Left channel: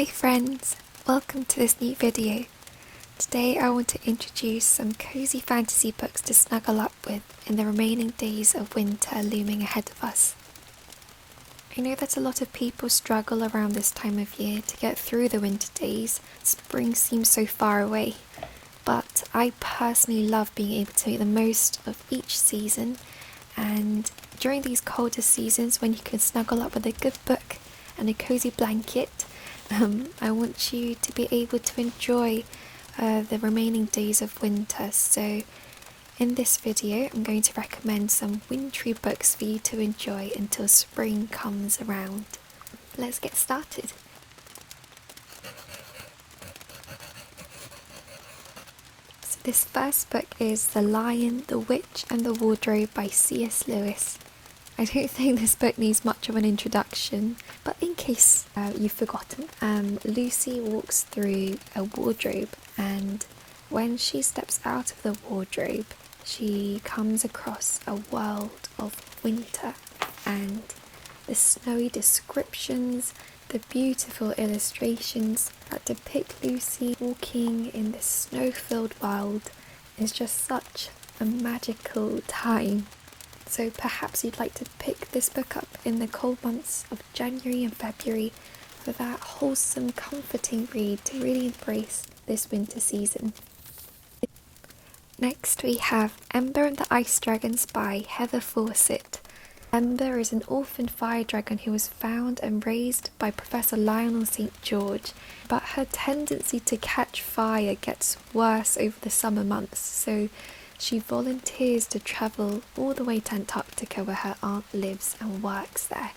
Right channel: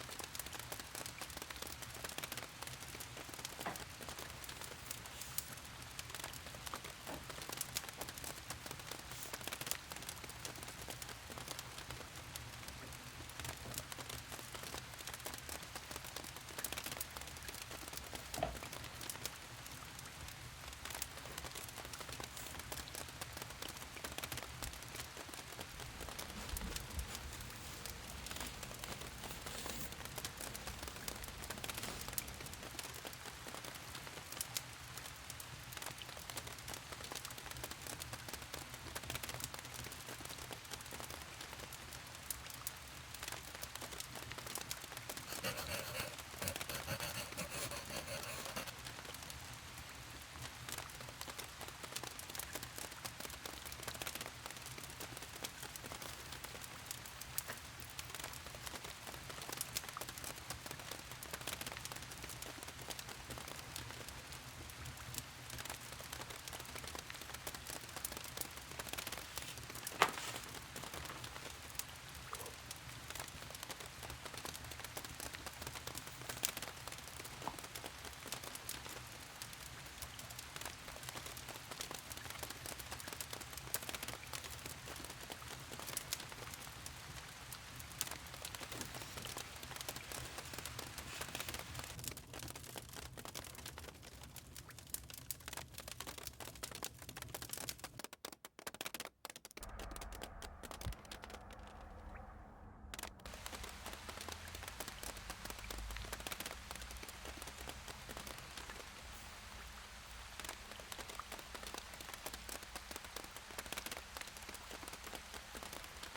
Hi friends, welcome to this new video. Today I want to introduce some cozy fantasy books to snuggle up with in the remaining days of winter looming ahead of us. I know that a lot of people struggle around this time of year to get through the winter days. Spring seems so far away, but I personally love being able to make the most of each season, and during these colder seasons when you can snuggle up with a good book and a cozy blanket, I want you to be able to enjoy the remaining days of winter. So in this video I'm going to recommend some wintry books for you to enjoy until spring comes around. Let's get started. So this first book is The Lion, the Witch and the Wardrobe by C.S. Lewis. I don't think this book needs much of an introduction, but in case you've forgotten, Lucy walks through a wardrobe, and when she steps out of the wardrobe, she comes across a world of winter, and the snowy descriptions, the beautiful illustrations that depict Lucy walking in this snow-filled world is just such a magical time. So perhaps you'd like to pick this book up in the cold months of January and February for that wholesome, comforting read to really embrace this winter season. Next we have Ember and the Ice Dragons by Heather Fawcett. Ember is an orphan fire dragon who was found and raised by Professor Lionel St. George, but her tendency to catch fire gets worse over the summer months, so she volunteers to travel all the way to Antarctica where her aunt lives and works there.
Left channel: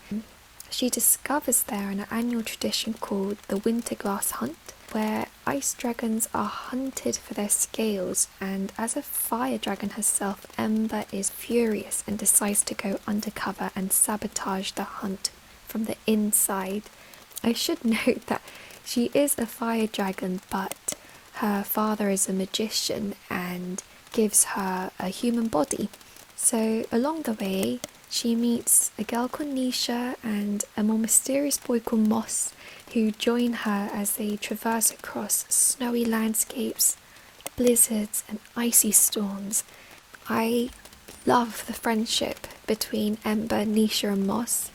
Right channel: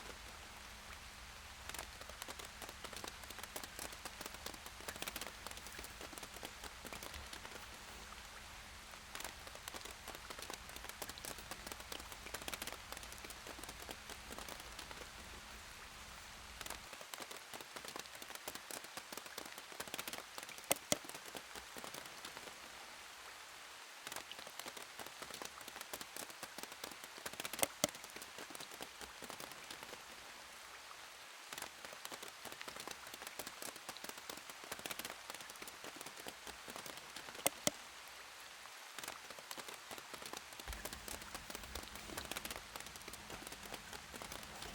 She discovers there an annual tradition called the Winter Glass Hunt, where ice dragons are hunted for their scales, and as a fire dragon herself, Ember is furious and decides to go undercover and sabotage the hunt from the inside. I should note that she is a fire dragon, but her father is a magician and gives her a human body. So along the way she meets a girl called Nisha and a more mysterious boy called Moss, who join her as they traverse across snowy landscapes, blizzards and icy storms. I love the friendship between Ember, Nisha and Moss,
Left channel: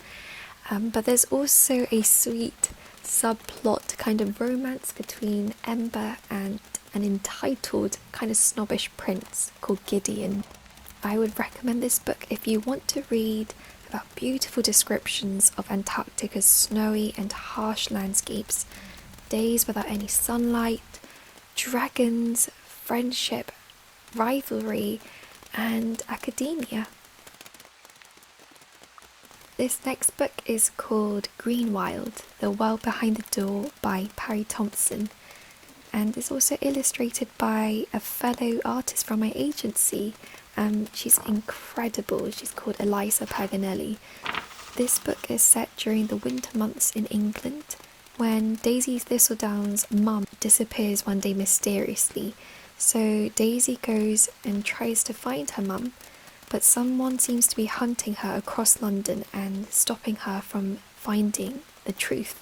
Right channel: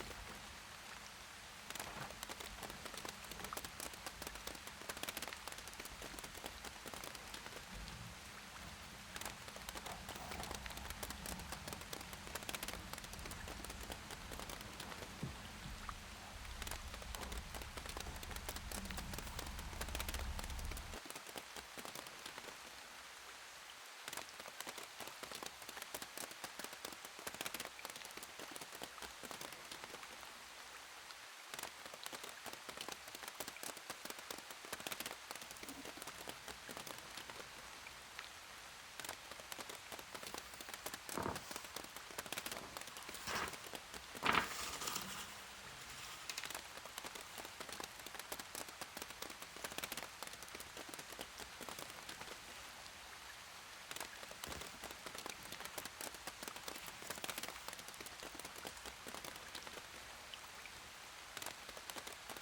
but there's also a sweet subplot kind of romance between Ember and an entitled kind of snobbish prince called Gideon. I would recommend this book if you want to read about beautiful descriptions of Antarctica's snowy and harsh landscapes, days without any sunlight, dragons, friendship, rivalry and academia. This next book is called Greenwild, The World Behind the Door by Parry Thompson, and is also illustrated by a fellow artist from my agency. She's incredible. She's called Eliza Paganelli. This book is set during the winter months in England, when Daisy Thistledown's mum disappears one day mysteriously. So Daisy goes and tries to find her mum, but someone seems to be hunting her across London and stopping her from finding the truth.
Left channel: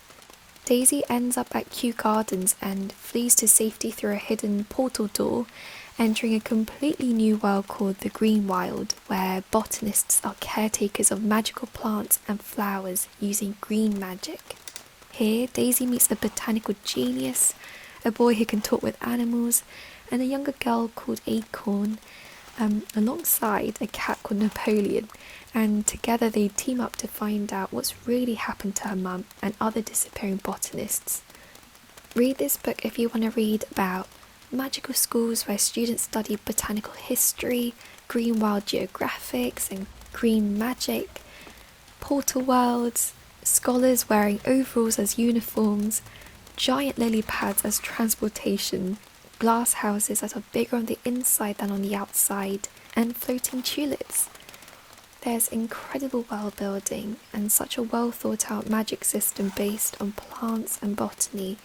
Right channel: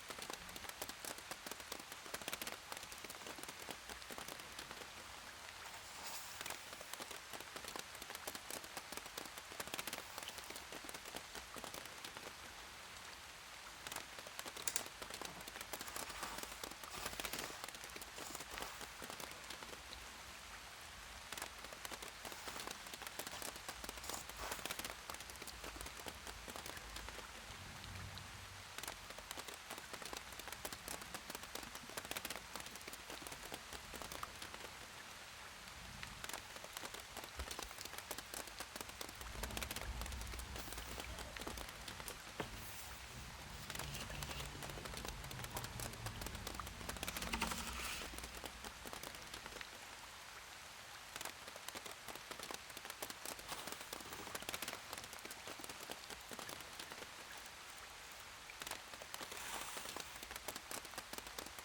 Daisy ends up at Kew Gardens and flees to safety through a hidden portal door, entering a completely new world called the Greenwild, where botanists are caretakers of magical plants and flowers using green magic. Here, Daisy meets a botanical genius, a boy who can talk with animals, and a younger girl called Acorn, alongside a cat called Napoleon, and together they team up to find out what's really happened to her mum and other disappearing botanists. Read this book if you want to read about magical schools where students study botanical history, green wild geographics and green magic, portal worlds, scholars wearing overalls as uniforms, giant lily pads as transportation, glass houses that are bigger on the inside than on the outside, and floating tulips. There's incredible world building and such a well thought out magic system based on plants and botany.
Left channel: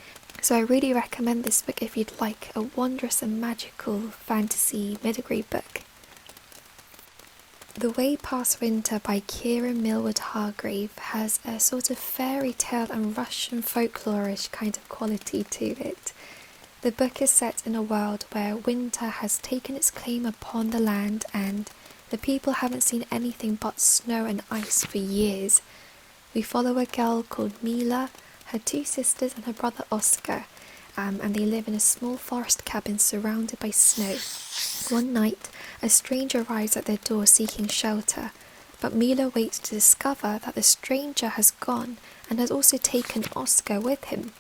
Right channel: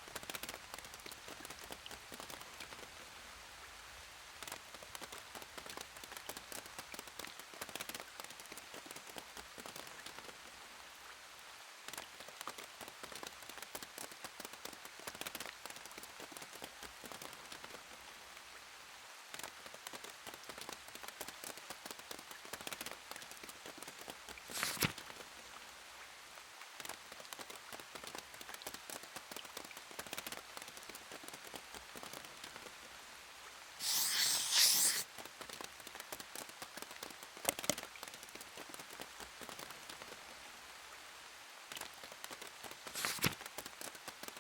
So I really recommend this book if you'd like a wondrous and magical fantasy middle grade book. The Way Past Winter by Kira Millward Hargrave has a sort of fairy tale and Russian folklorish kind of quality to it. The book is set in a world where winter has taken its claim upon the land and the people haven't seen anything but snow and ice for years. We follow a girl called Mila, her two sisters and her brother Oscar, and they live in a small forest cabin surrounded by snow. One night, a stranger arrives at their door seeking shelter, but Mila waits to discover that the stranger has gone and has also taken Oscar with him.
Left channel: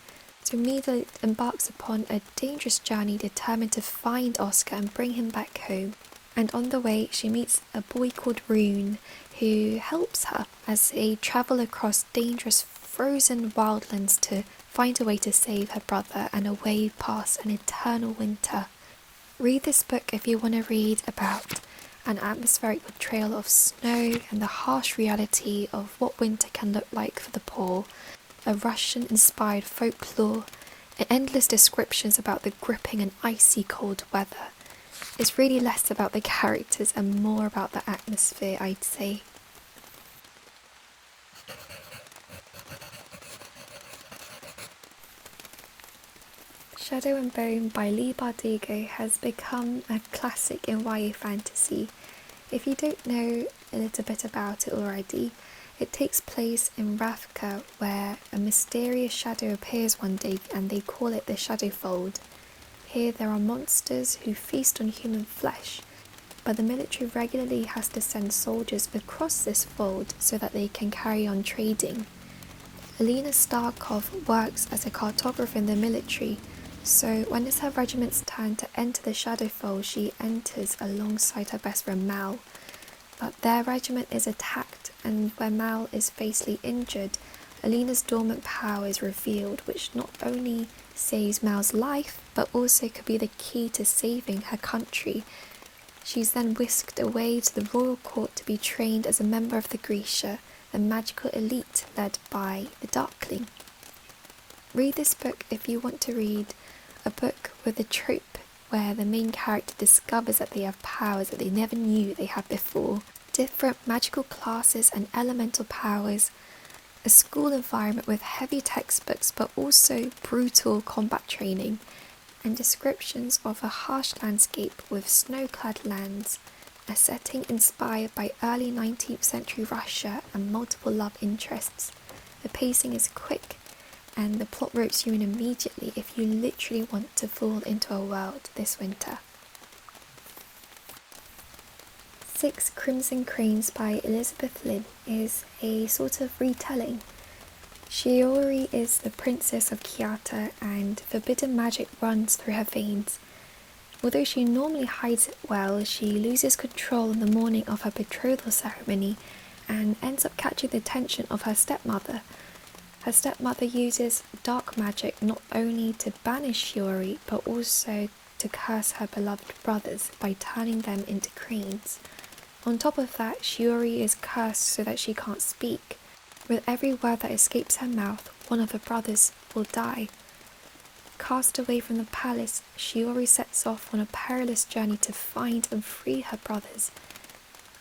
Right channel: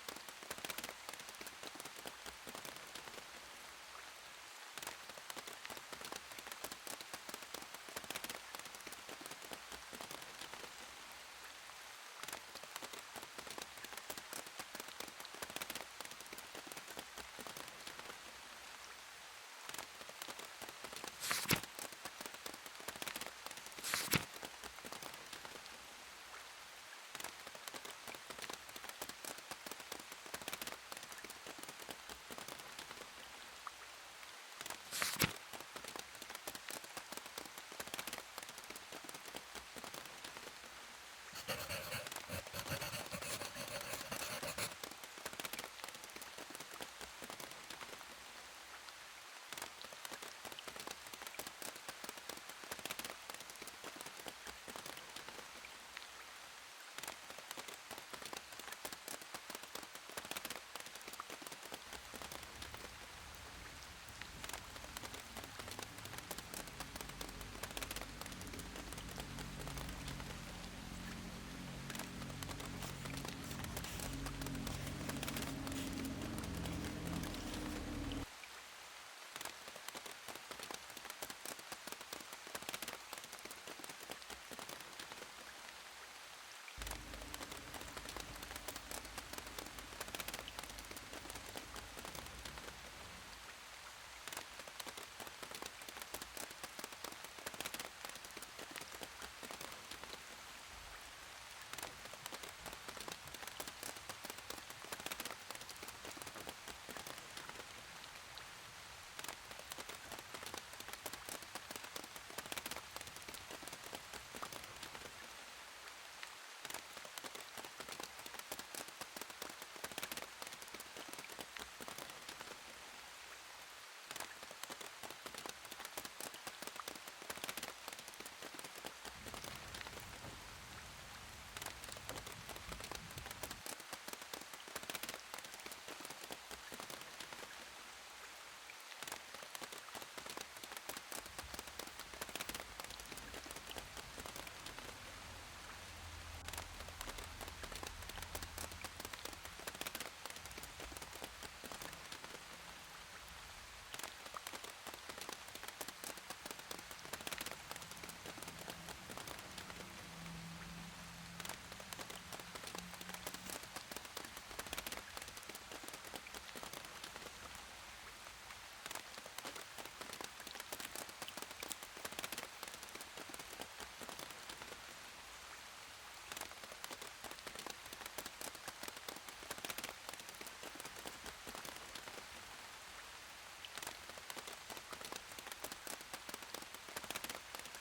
So Mila embarks upon a dangerous journey determined to find Oscar and bring him back home. And on the way, she meets a boy called Rune, who helps her as they travel across dangerous frozen wildlands to find a way to save her brother and a way past an eternal winter. Read this book if you want to read about an atmospheric portrayal of snow and the harsh reality of what winter can look like for the poor, a Russian-inspired folklore, and endless descriptions about the gripping and icy cold weather. It's really less about the characters and more about the atmosphere, I'd say. Shadow and Bone by Leigh Bardugo has become a classic in YA fantasy. If you don't know a little bit about it already, it takes place in Ravka, where a mysterious shadow appears one day and they call it the Shadowfold. Here there are monsters who feast on human flesh, but the military regularly has to send soldiers across this fold so that they can carry on trading. Alina Starkov works as a cartographer in the military, so when it's her regiment's turn to enter the Shadowfold, she enters alongside her best friend Mal. But their regiment is attacked, and when Mal is fatally injured, Alina's dormant power is revealed, which not only saves Mal's life, but also could be the key to saving her country. She's then whisked away to the royal court to be trained as a member of the Grisha, a magical elite led by the Darkling. Read this book if you want to read a book with a trope where the main character discovers that they have powers that they never knew they had before, different magical classes and elemental powers, a school environment with heavy textbooks but also brutal combat training, and descriptions of a harsh landscape with snow-clad lands, a setting inspired by early 19th century Russia and multiple love interests. The pacing is quick, and the plot ropes you in immediately if you literally want to fall into a world this winter. 6 Crimson Cranes by Elizabeth Lynn is a sort of retelling. Shiori is the princess of Kyoto and forbidden magic runs through her veins. Although she normally hides it well, she loses control on the morning of her betrothal ceremony and ends up catching the attention of her stepmother. Her stepmother uses dark magic not only to banish Shiori, but also to curse her beloved brothers by turning them into cranes. On top of that, Shiori is cursed so that she can't speak. With every word that escapes her mouth, one of her brothers will die. Cast away from the palace, Shiori sets off on a perilous journey to find and free her brothers.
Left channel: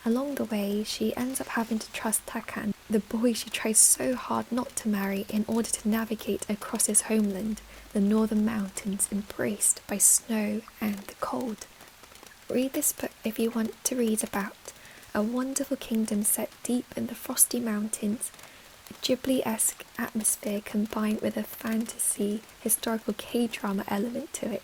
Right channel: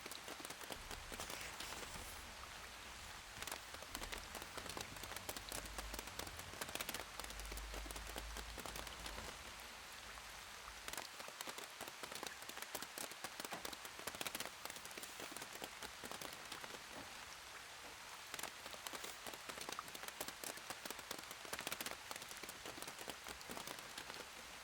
Along the way, she ends up having to trust Takan, the boy she tries so hard not to marry in order to navigate across his homeland, the northern mountains embraced by snow and the cold. Read this book if you want to read about a wonderful kingdom set deep in the frosty mountains, a Ghibli-esque atmosphere combined with a fantasy historical K-drama element to it,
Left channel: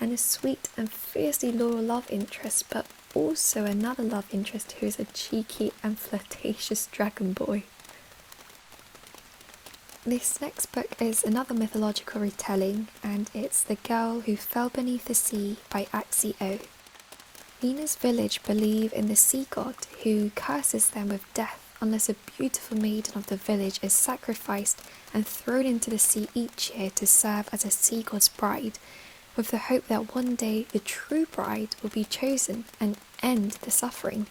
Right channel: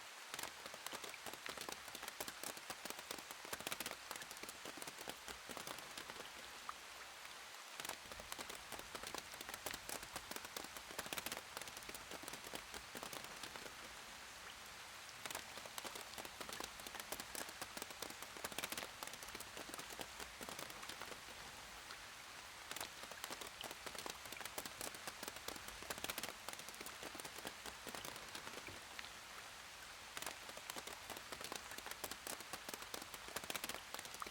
and a sweet and fiercely loyal love interest, but also another love interest who is a cheeky and flirtatious dragon boy. This next book is another mythological retelling, and it's The Girl Who Fell Beneath the Sea by Axie O. Nina's village believe in the sea god who curses them with death unless a beautiful maiden of the village is sacrificed and thrown into the sea each year to serve as a sea god's bride, with the hope that one day the true bride will be chosen and end the suffering.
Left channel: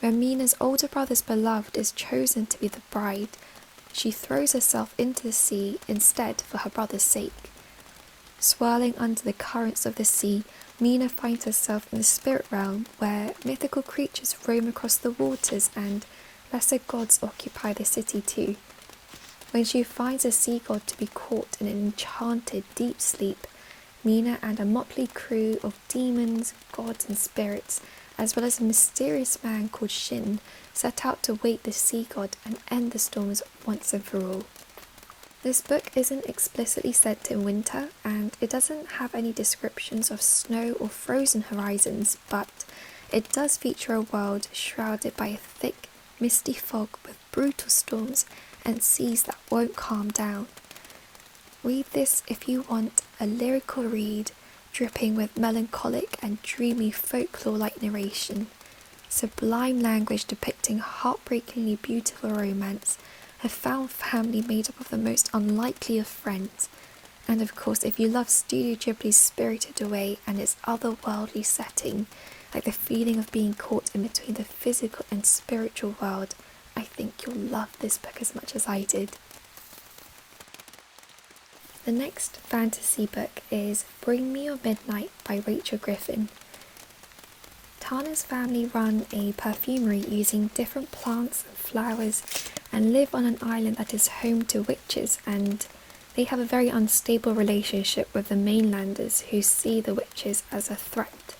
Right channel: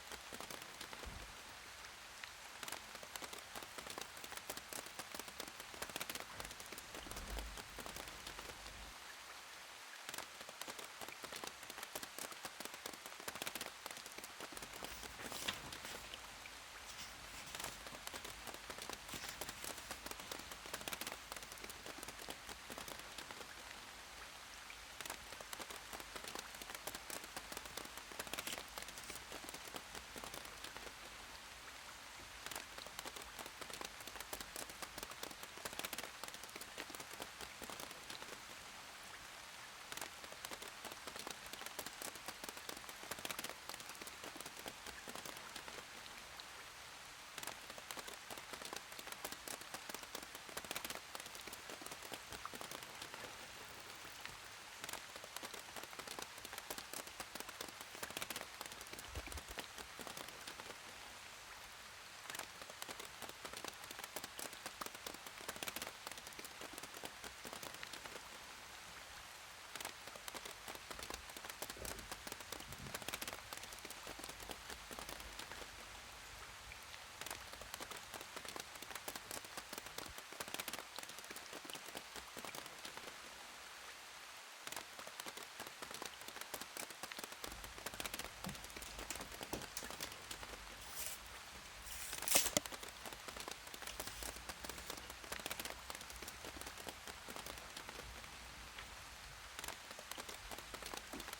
When Mina's older brother's beloved is chosen to be the bride, she throws herself into the sea instead for her brother's sake. Swirling under the currents of the sea, Mina finds herself in the spirit realm where mythical creatures roam across the waters and lesser gods occupy the city too. When she finds a sea god to be caught in an enchanted deep sleep, Mina and a motley crew of demons, gods and spirits, as well as a mysterious man called Shin, set out to wake the sea god and end the storms once and for all. This book isn't explicitly set in winter, and it doesn't have any descriptions of snow or frozen horizons, but it does feature a world shrouded by a thick, misty fog with brutal storms and seas that won't calm down. Read this if you want a lyrical read, dripping with melancholic and dreamy folklore-like narration, sublime language depicting heartbreakingly beautiful romance, a found family made up of the most unlikely of friends, and of course if you love Studio Ghibli's Spirited Away and its otherworldly setting, like the feeling of being caught in between the physical and spiritual world, I think you'll love this book as much as I did. The next fantasy book is Bring Me Your Midnight by Rachel Griffin. Tana's family run a perfumery using different plants and flowers and live on an island that is home to witches, and they have a very unstable relationship with the mainlanders who see the witches as a threat.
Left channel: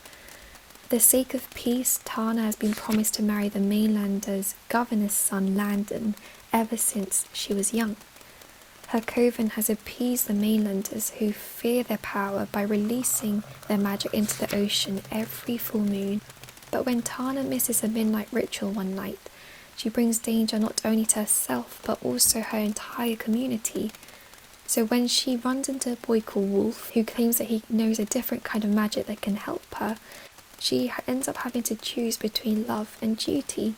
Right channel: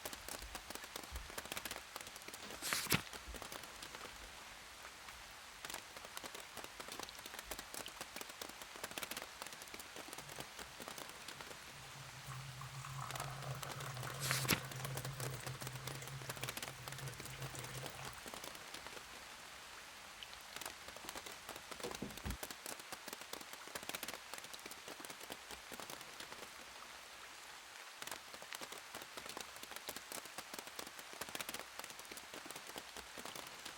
For the sake of peace, Tana has been promised to marry the mainlanders' governor's son Landon ever since she was young. Her coven has appeased the mainlanders who fear their power by releasing their magic into the ocean every full moon. But when Tana misses a midnight ritual one night, she brings danger not only to herself but also her entire community. So when she runs into a boy called Wolf, who claims that he knows a different kind of magic that can help her, she ends up having to choose between love and duty.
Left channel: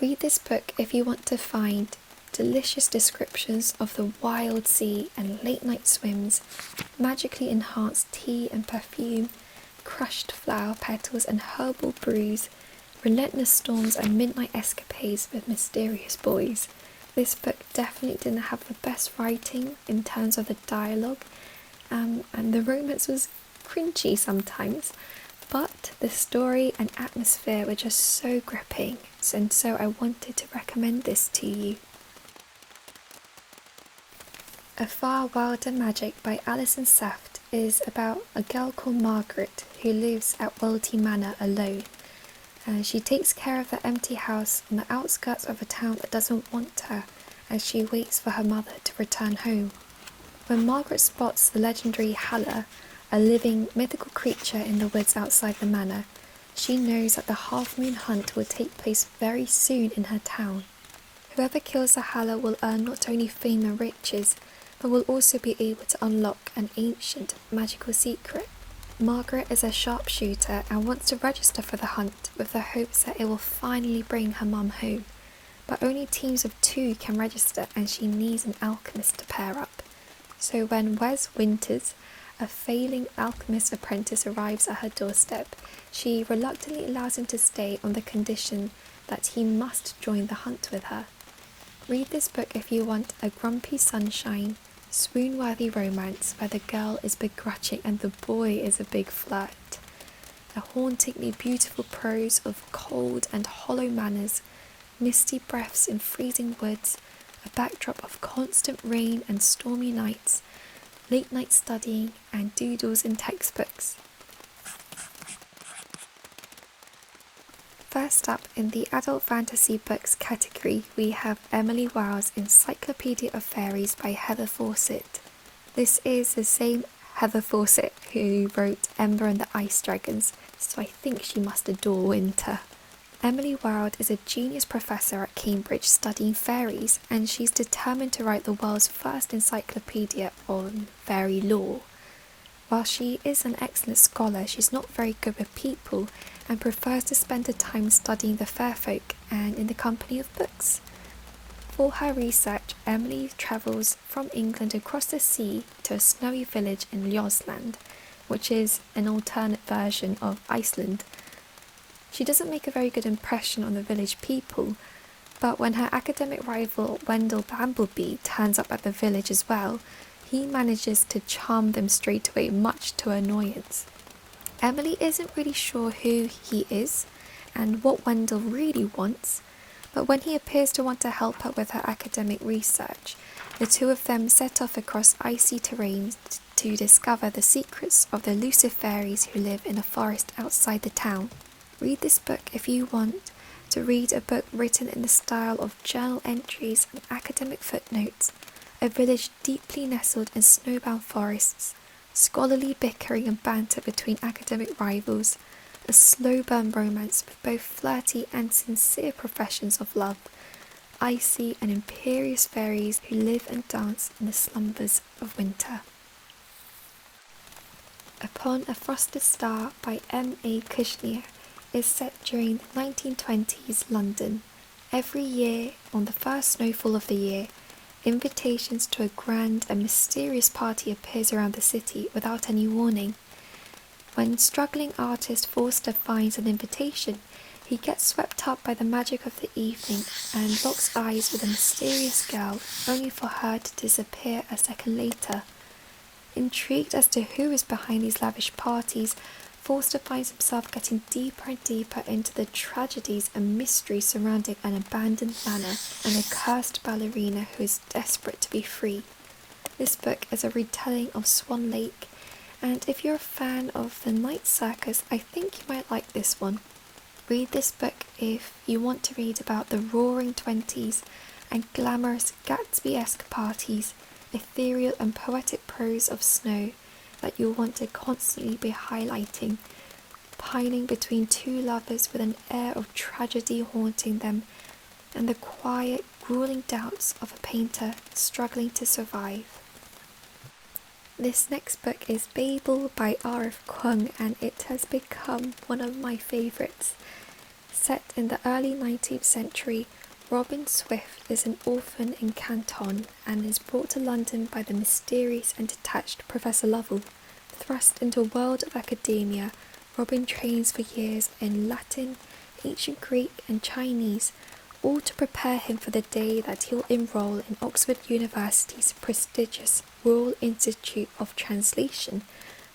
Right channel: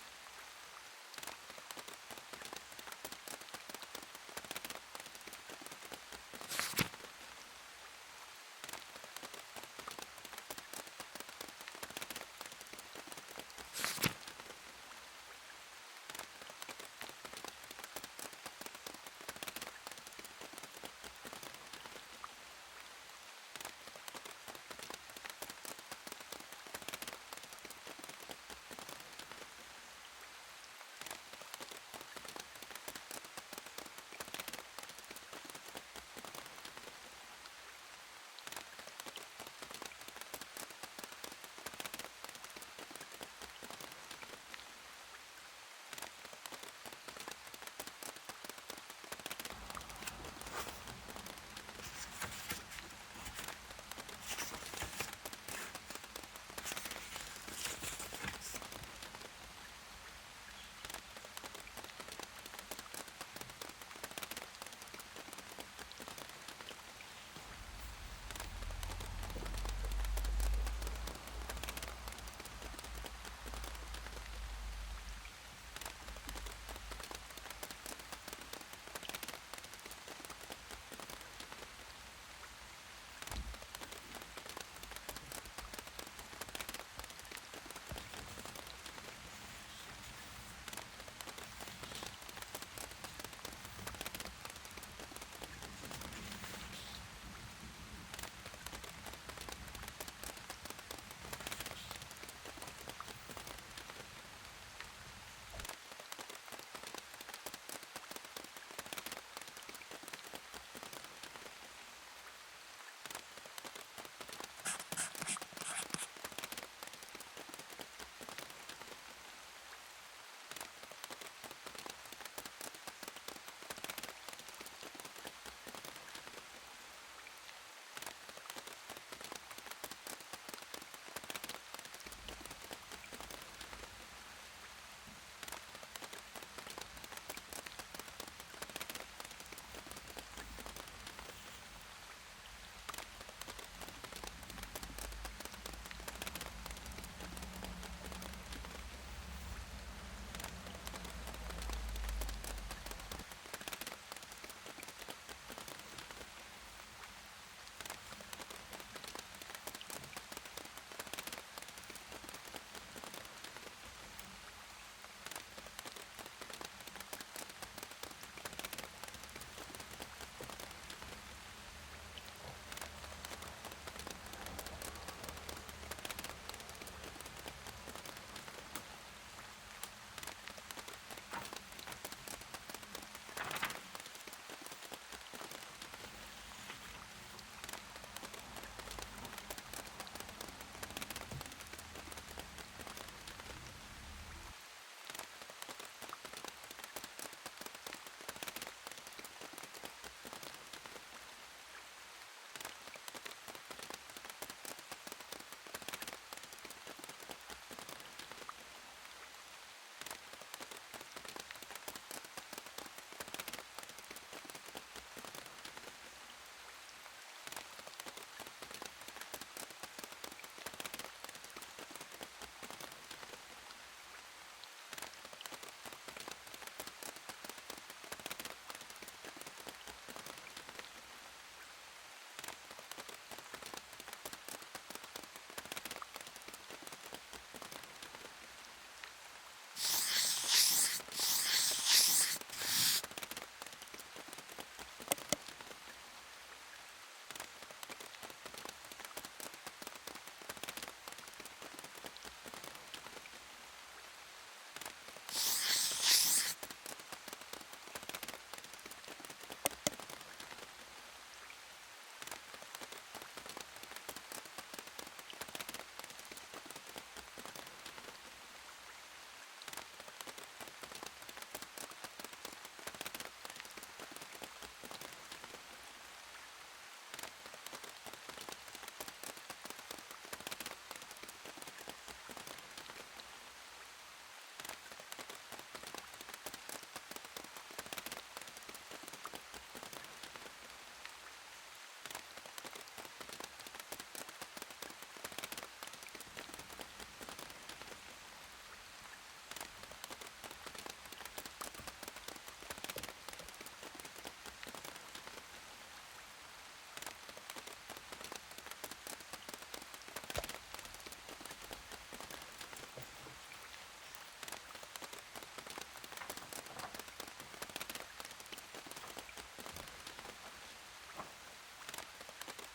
Read this book if you want to find delicious descriptions of the wild sea and late night swims, magically enhanced tea and perfume, crushed flower petals and herbal brews, relentless storms and midnight escapades with mysterious boys. This book definitely didn't have the best writing in terms of the dialogue, and the romance was cringy sometimes, but the story and atmosphere were just so gripping, and so I wanted to recommend this to you. A Far Wilder Magic by Alison Saft is about a girl called Margaret who lives at Welty Manor alone. She takes care of the empty house on the outskirts of a town that doesn't want her, as she waits for her mother to return home. When Margaret spots the legendary Halla, a living mythical creature in the woods outside the manor, she knows that the half-moon hunt will take place very soon in her town. Whoever kills the Halla will earn not only fame and riches, but will also be able to unlock an ancient magical secret. Margaret is a sharpshooter and wants to register for the hunt with the hopes that it will finally bring her mum home. But only teams of 2 can register, and she needs an alchemist to pair up. So when Wes Winters, a failing alchemist apprentice, arrives at her doorstep, she reluctantly allows him to stay on the condition that he must join the hunt with her. Read this book if you want a grumpy sunshine, swoon-worthy romance where the girl is begrudging and the boy is a big flirt. A hauntingly beautiful prose of cold and hollow manners, misty breaths in freezing woods, a backdrop of constant rain and stormy nights, late night studying and doodles in textbooks. First up, in the adult fantasy books category, we have Emily Wild's Encyclopedia of Fairies by Heather Fawcett. This is the same Heather Fawcett who wrote Ember and the Ice Dragons, so I think she must adore winter. Emily Wild is a genius professor at Cambridge studying fairies, and she's determined to write the world's first encyclopedia on fairy lore. While she is an excellent scholar, she's not very good with people and prefers to spend her time studying the fair folk and in the company of books. For her research, Emily travels from England across the sea to a snowy village in Ljosland, which is an alternate version of Iceland. She doesn't make a very good impression on the village people, but when her academic rival Wendell Bamblebee turns up at the village as well, he manages to charm them straight away, much to her annoyance. Emily isn't really sure who he is and what Wendell really wants, but when he appears to want to help her with her academic research, the two of them set off across icy terrains to discover the secrets of the elusive fairies who live in a forest outside the town. Read this book if you want to read a book written in the style of journal entries and academic footnotes, a village deeply nestled in snowbound forests, scholarly bickering and banter between academic rivals, a slow burn romance with both flirty and sincere professions of love, icy and imperious fairies who live and dance in the slumbers of winter. Upon a Frosted Star by M.A. Kushner is set during the 1920s London. Every year, on the first snowfall of the year, invitations to a grand and mysterious party appears around the city without any warning. When struggling artist Forster finds an invitation, he gets swept up by the magic of the evening and locks eyes with a mysterious girl, only for her to disappear a second later. Intrigued as to who is behind these lavish parties, Forster finds himself getting deeper and deeper into the tragedies and mysteries surrounding an abandoned manor and a cursed ballerina who is desperate to be free. This book is a retelling of Swan Lake, and if you're a fan of the night circus, I think you might like this one. Read this book if you want to read about the roaring 20s and glamorous Gatsby-esque parties, ethereal and poetic prose of snow that you'll want to constantly be highlighting, pining between two lovers with an air of tragedy haunting them, and the quiet, grueling doubts of a painter struggling to survive. This next book is Babel by R.F. Kuang, and it has become one of my favourites. Set in the early 19th century, Robin Swift is an orphan in Canton and is brought to London by the mysterious and detached Professor Lovell. Thrust into a world of academia, Robin trains for years in Latin, ancient Greek and Chinese, all to prepare him for the day that he'll enroll in Oxford University's prestigious Royal Institute of Translation,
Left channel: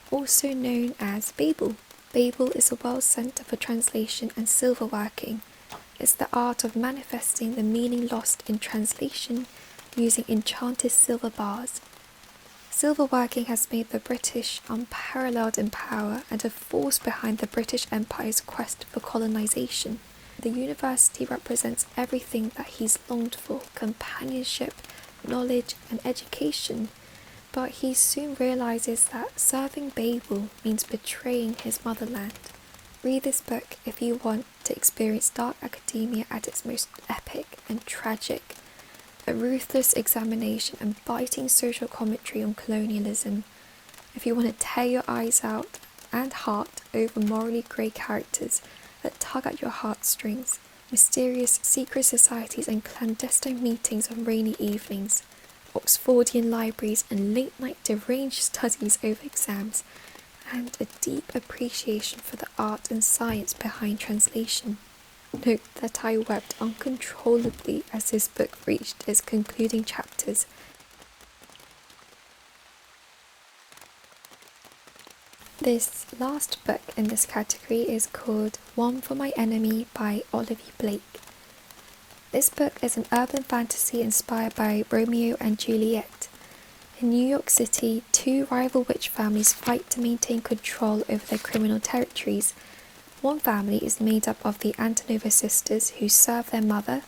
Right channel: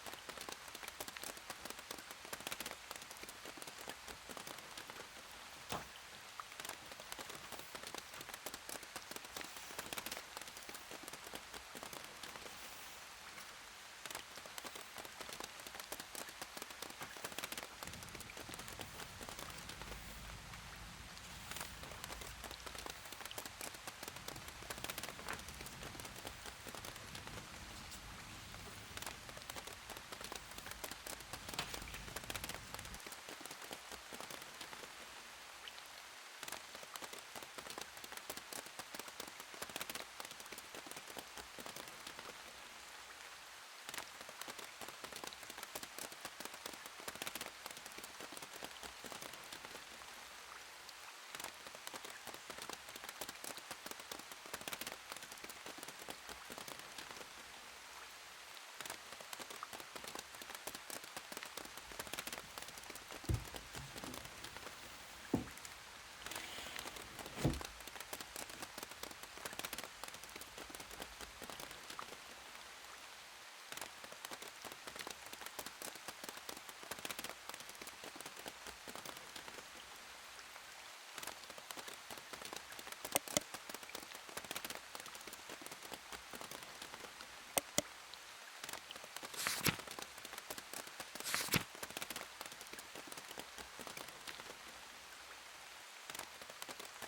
also known as Babel. Babel is a world centre for translation and silverworking. It's the art of manifesting the meaning lost in translation using enchanted silver bars. Silverworking has made the British unparalleled in power and a force behind the British Empire's quest for colonisation. The university represents everything that he's longed for: companionship, knowledge and education. But he soon realises that serving Babel means betraying his motherland. Read this book if you want to experience dark academia at its most epic and tragic, a ruthless examination and biting social commentary on colonialism. If you want to tear your eyes out and heart over morally grey characters that tug at your heartstrings, mysterious secret societies and clandestine meetings on rainy evenings, Oxfordian libraries and late-night deranged studies over exams, and a deep appreciation for the art and science behind translation. Note that I wept uncontrollably as this book reached its concluding chapters. This last book in this category is called One for My Enemy by Olivia Blake. This book is an urban fantasy inspired by Romeo and Juliet. In New York City, two rival witch families fight to maintain control over their criminal territories. One family is made up of the Antonova sisters, who serve their mother,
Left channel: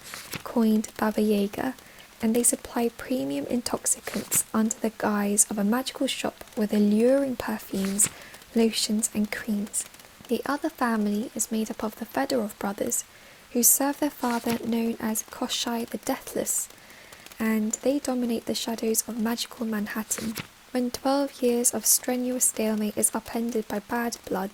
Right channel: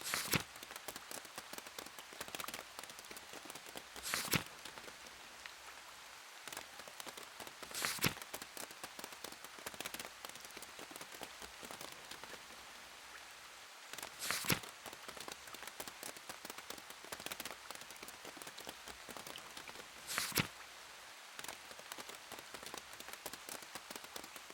coined Baba Yaga, and they supply premium intoxicants under the guise of a magical shop with alluring perfumes, lotions and creams. The other family is made up of the Fedorov brothers, who serve their father, known as Koshai the Deathless, and they dominate the shadows of magical Manhattan. When 12 years of strenuous stalemate is upended by bad blood,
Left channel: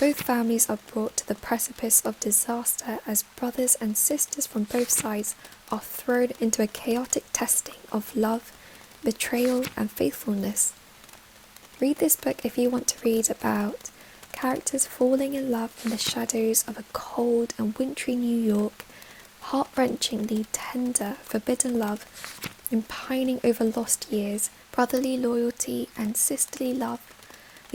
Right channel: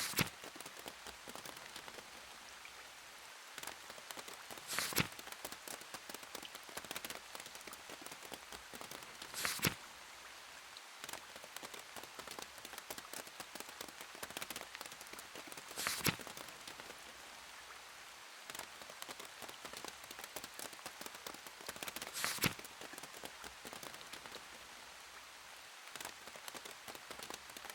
both families are brought to the precipice of disaster as brothers and sisters from both sides are thrown into a chaotic testing of love, betrayal and faithfulness. Read this book if you want to read about characters falling in love in the shadows of a cold and wintry New York, heart-wrenchingly tender, forbidden love, and pining over lost years, brotherly loyalty and sisterly love,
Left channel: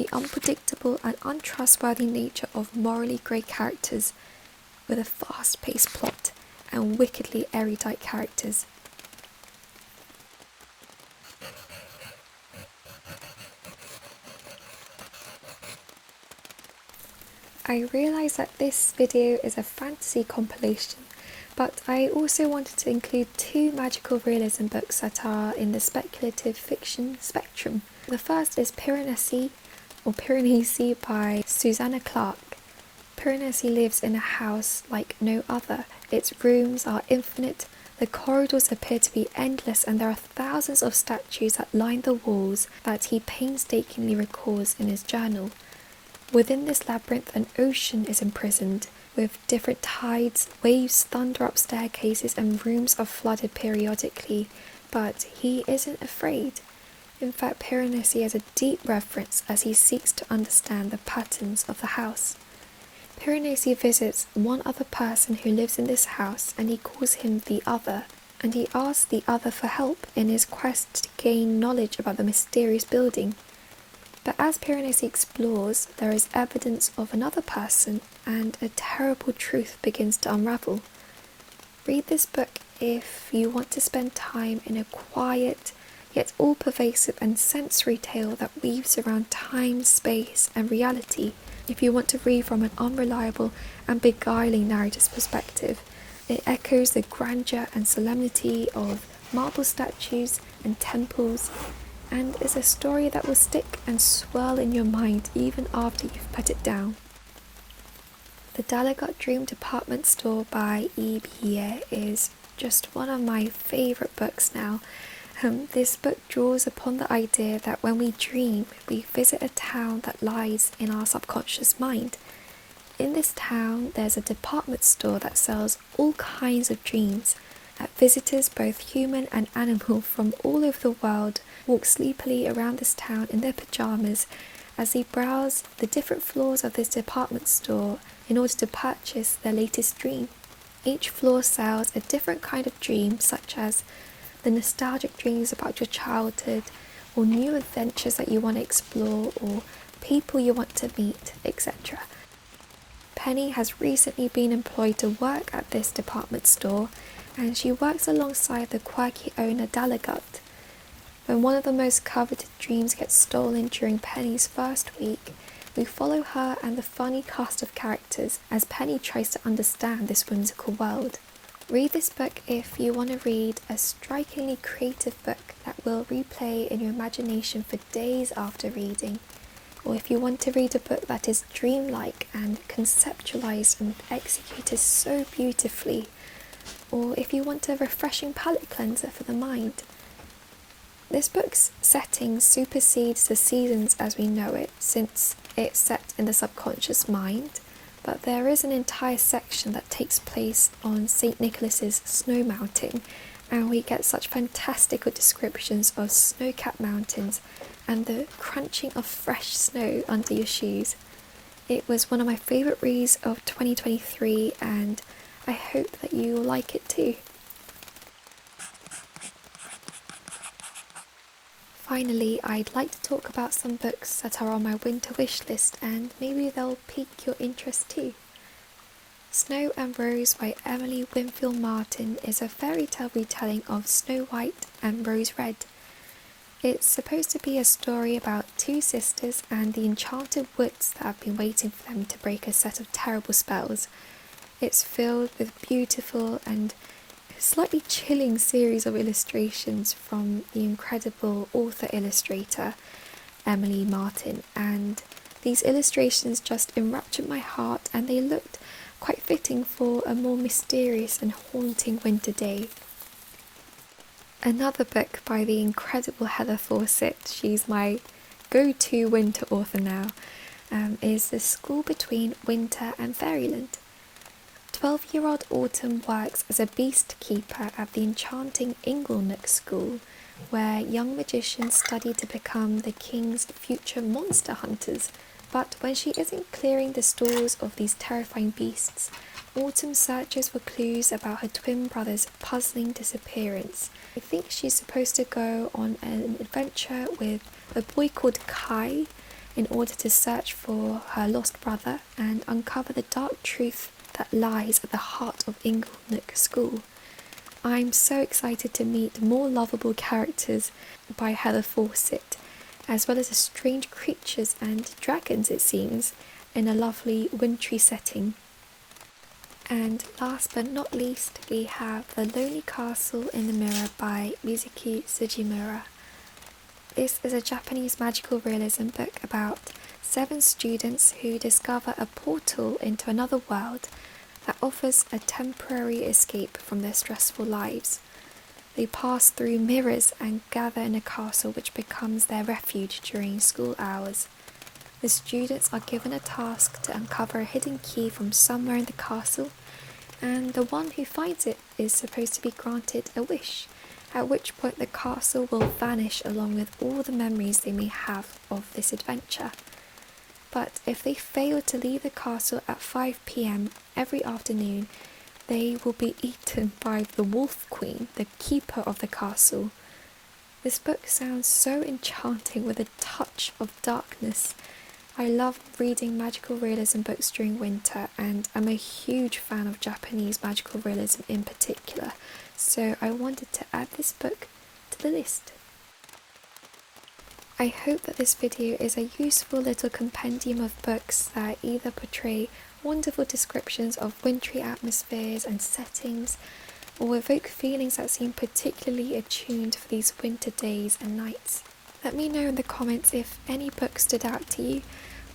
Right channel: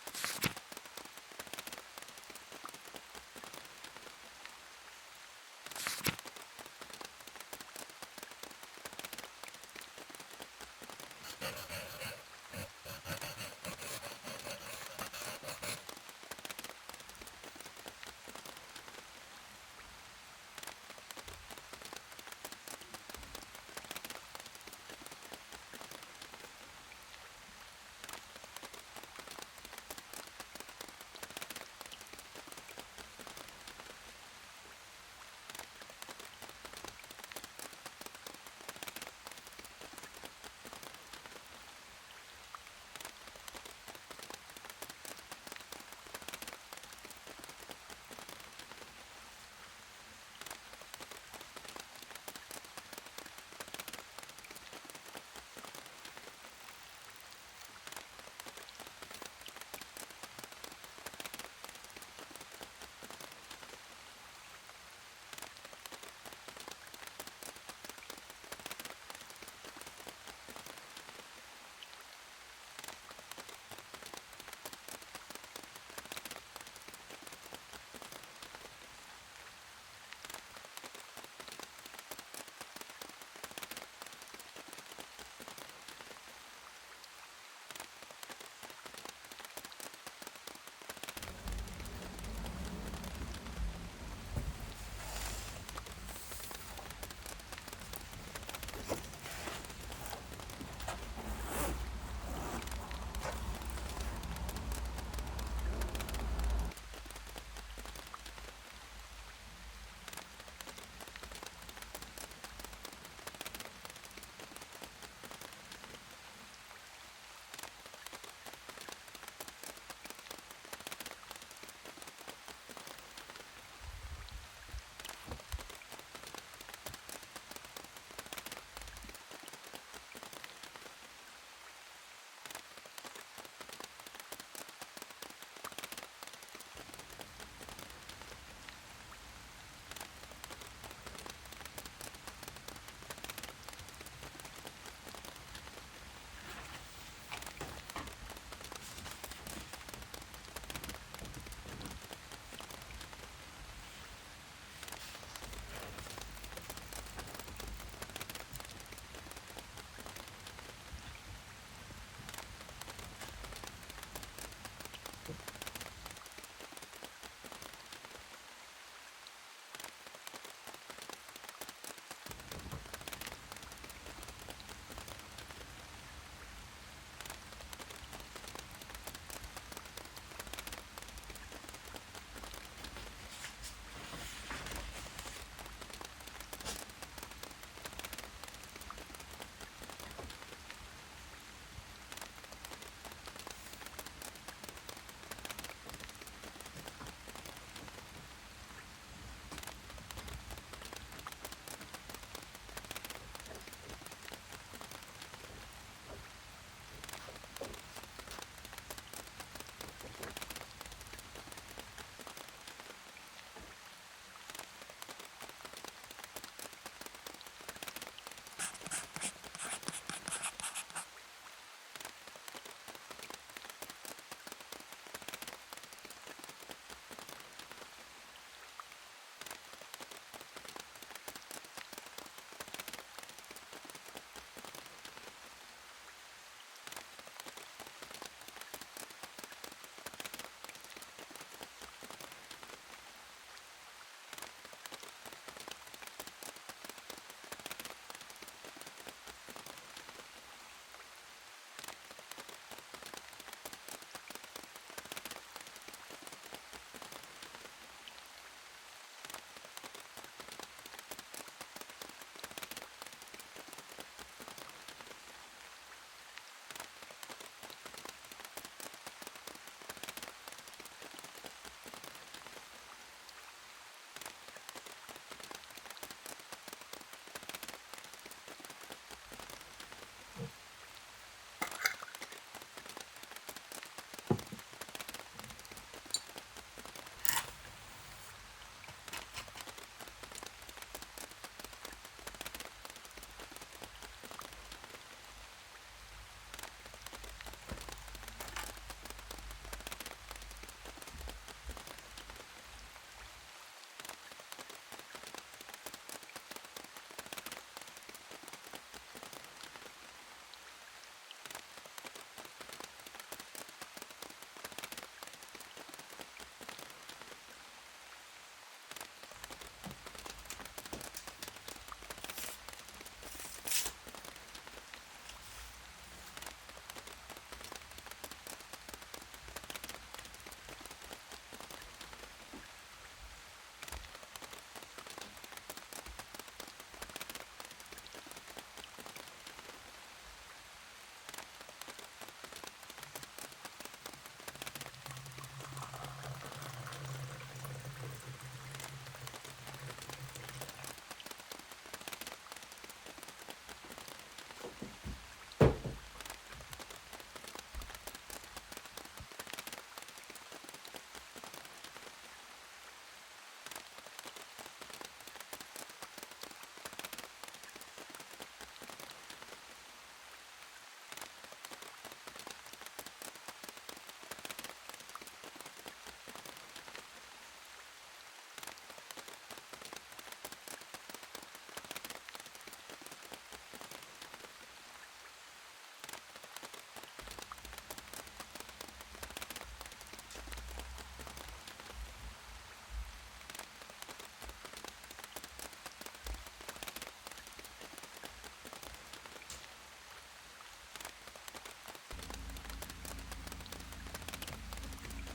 the unpredictable and untrustworthy nature of morally grey characters with a fast-paced plot and wickedly erudite characters. I realise that this video is a fantasy compilation, but I also wanted to include 2 magical realism books that are in the speculative fiction spectrum. The first is Piranesi by Susanna Clarke. Piranesi lives in a house like no other. Its rooms are infinite, the corridors appear to be endless, and there are thousands of statues that line the walls that he painstakingly records in his journal. Within this labyrinth, an ocean is imprisoned, with different tides, waves thunder up staircases, and rooms are flooded periodically, but he isn't afraid. In fact, Piranesi has a deep reverence as he seeks to understand the patterns of the house. Piranesi visits one other person who lives in this house, and he calls him the Other, and he asks the Other for help in his quest to gain knowledge about the mysterious building. But as Piranesi explores, there is evidence of another person, and a terrible truth begins to unravel. Read this book if you want to spend time in a quiet, yet all-pervasive and sensory tale that weaves around time, space, and reality. If you want to read from an unreliable and beguiling narrator's perspective, it echoes the grandeur and solemnity of marble statues and temples, and is a story that will stick and swirl in your mind even after you've put it down. The Dagot Dream Department Store by Ember is just one of my favourite books now. This book draws upon the idea that when we dream, we visit a town that lies in our subconscious mind. In this town, there's a department store that sells all kinds of dreams, that visitors, both human and animal, from all over the world walk sleepily around this town in their pyjamas as they browse the different floors of this department store in order to purchase their latest dream. Each floor sells a different kind of dream, such as the nostalgic dreams about your childhood, or new adventures that you want to explore, or people you want to meet, etc. Penny has recently been employed to work at this department store, and she works alongside the quirky owner Dagot. When one of the most coveted dreams gets stolen during Penny's first week, we follow her and the funny cast of characters as Penny tries to understand this whimsical world. Read this book if you want to read a strikingly creative book that will replay in your imagination for days after reading, or if you want to read a book that is dreamlike and conceptualized and executed so beautifully, or if you want a refreshing palate cleanser for the mind. This book's setting supersedes the seasons as we know it, since it's set in the subconscious mind, but there is an entire section that takes place on St. Nicholas's snow mountain, and we get such fantastical descriptions of snow-capped mountains and the crunching of fresh snow under your shoes. It was one of my favourite reads of 2023, and I hope that you will like it too. Finally, I'd like to talk about some books that are on my winter wish list, and maybe they'll pique your interest too. Snow and Rose by Emily Winfield Martin is a fairy tale retelling of Snow White and Rose Red. It's supposed to be a story about 2 sisters and the enchanted woods that have been waiting for them to break a set of terrible spells. It's filled with beautiful and slightly chilling series of illustrations from the incredible author-illustrator Emily Martin, and these illustrations just enraptured my heart, and they looked quite fitting for a more mysterious and haunting winter day. Another book by the incredible Heather Fawcett, she's my go-to winter author now, is The School Between Winter and Fairyland. 12-year-old Autumn works as a beast keeper at the enchanting Inglenook School, where young magicians study to become the king's future monster hunters. But when she isn't clearing the stalls of these terrifying beasts, Autumn searches for clues about her twin brother's puzzling disappearance. I think she's supposed to go on an adventure with a boy called Kai, in order to search for her lost brother and uncover the dark truth that lies at the heart of Inglenook School. I'm so excited to meet more lovable characters by Heather Fawcett, as well as the strange creatures and dragons, it seems, in a lovely wintry setting. And last but not least, we have The Lonely Castle in the Mirror by Mizuki Sugimura. This is a Japanese magical realism book about 7 students who discover a portal into another world that offers a temporary escape from their stressful lives. They pass through mirrors and gather in a castle which becomes their refuge during school hours. The students are given a task to uncover a hidden key from somewhere in the castle, and the one who finds it is supposed to be granted a wish, at which point the castle will vanish along with all the memories they may have of this adventure. But if they fail to leave the castle at 5 p.m. every afternoon, they will be eaten by the Wolf Queen, the keeper of the castle. This book sounds so enchanting with a touch of darkness. I love reading magical realism books during winter, and I'm a huge fan of Japanese magical realism in particular, so I wanted to add this book to the list. I hope that this video is a useful little compendium of books that either portray wonderful descriptions of wintry atmospheres and settings, or evoke feelings that seem particularly attuned for these winter days and nights. Let me know in the comments if any books stood out to you,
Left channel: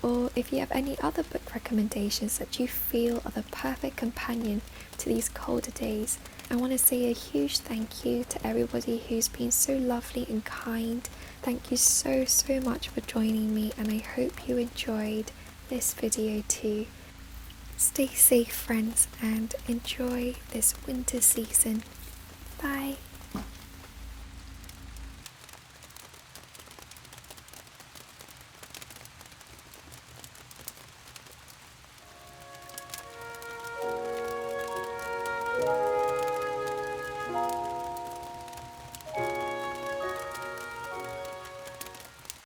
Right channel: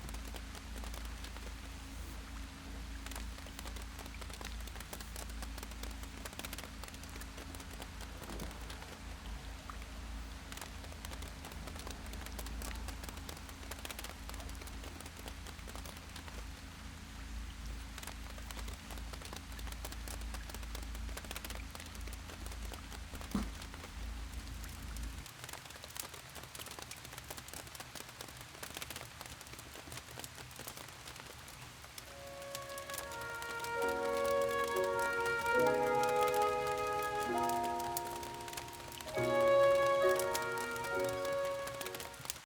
or if you have any other book recommendations that you feel are the perfect companion to these colder days. I want to say a huge thank you to everybody who's been so lovely and kind. Thank you so much for joining me, and I hope you enjoyed this video too. Stay safe, friends, and enjoy this winter season. Bye.